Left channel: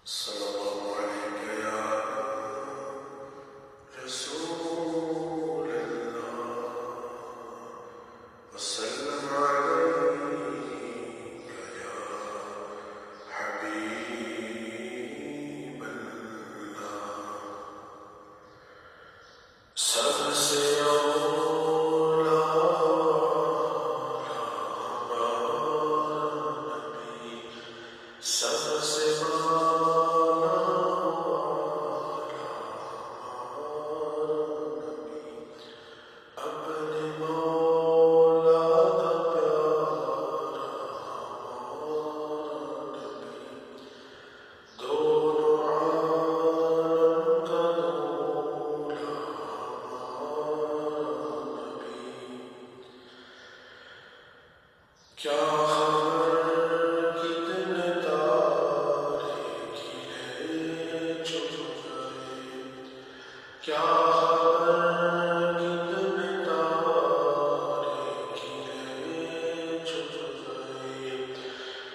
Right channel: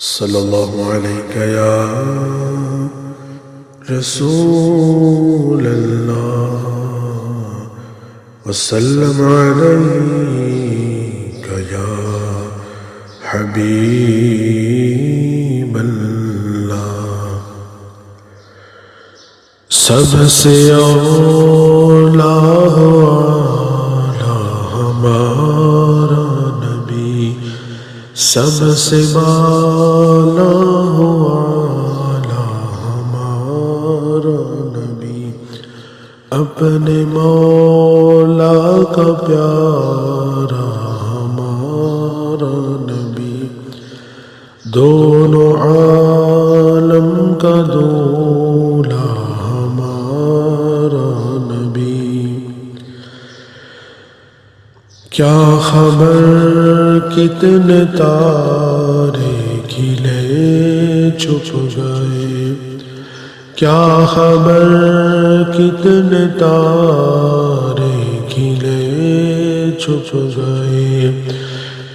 صلی اللہ علیہ یا رسول اللہ وسلم علیک یا حبیب اللہ۔ سب سے اولا ہمارا نبی، سب سے بالا ہمارا نبی، اپنے مولا کا پیارا ہمارا نبی، دونوں عالم کا دولا ہمارا نبی۔ کیا خبر کتنے تارے کھلے چھپ گئے، کیا خبر کتنے تارے کھلے چھپ گئے،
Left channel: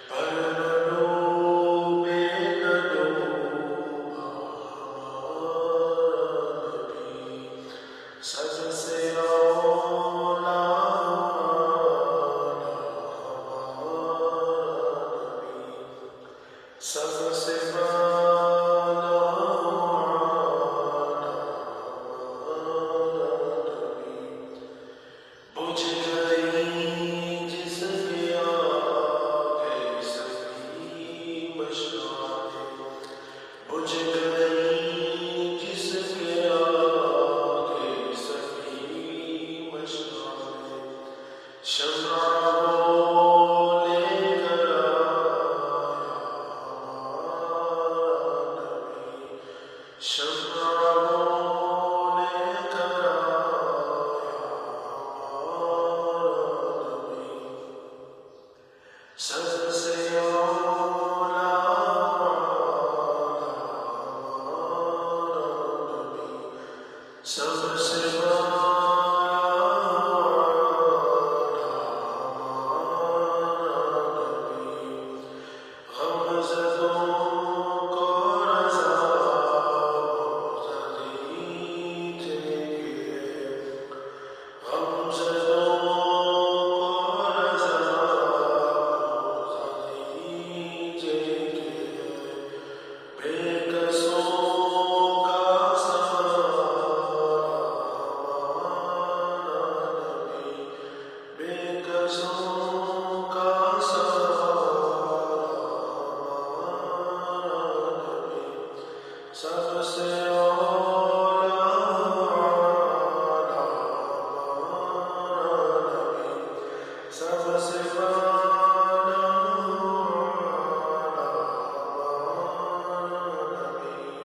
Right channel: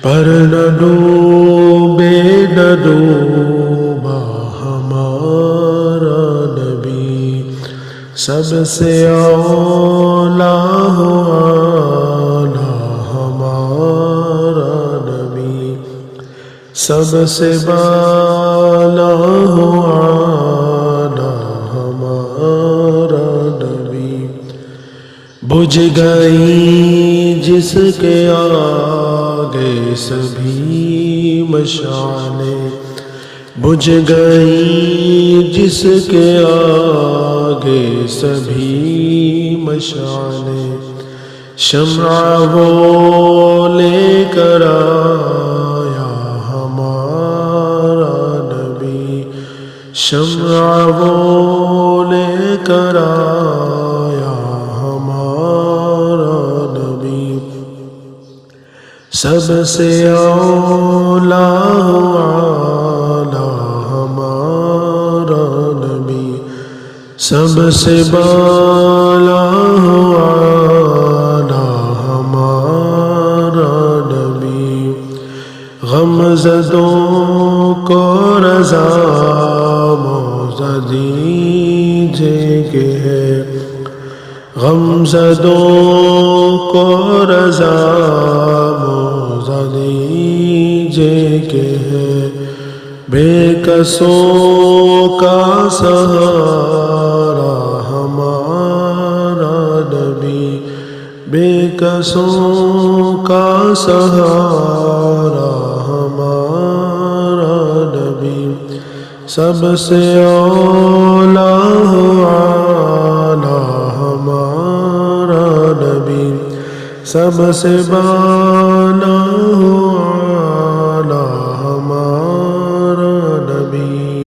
پر نہ ڈوبے نہ ڈوبا ہمارا نبی، سب سے اولا سب سے بالا ہمارا نبی۔ بجھ گئی جس کے آگے سبھی مشعلیں، بجھ گئی جس کے آگے سبھی مشعلیں، شمع وہ لے کر شمع وہ لے کر آیا ہمارا نبی، سب سے اولا ہمارا نبی، سب سے بالا ہمارا نبی۔ غمزدوں کو رضا دیجیے کہ ہے، غمزدوں کو رضا موزہ دیجیے کہ ہے، بے کسوں کا سہارا ہمارا نبی، بے کسوں کا سہارا ہمارا نبی، سب سے اولا ہمارا نبی، سب سے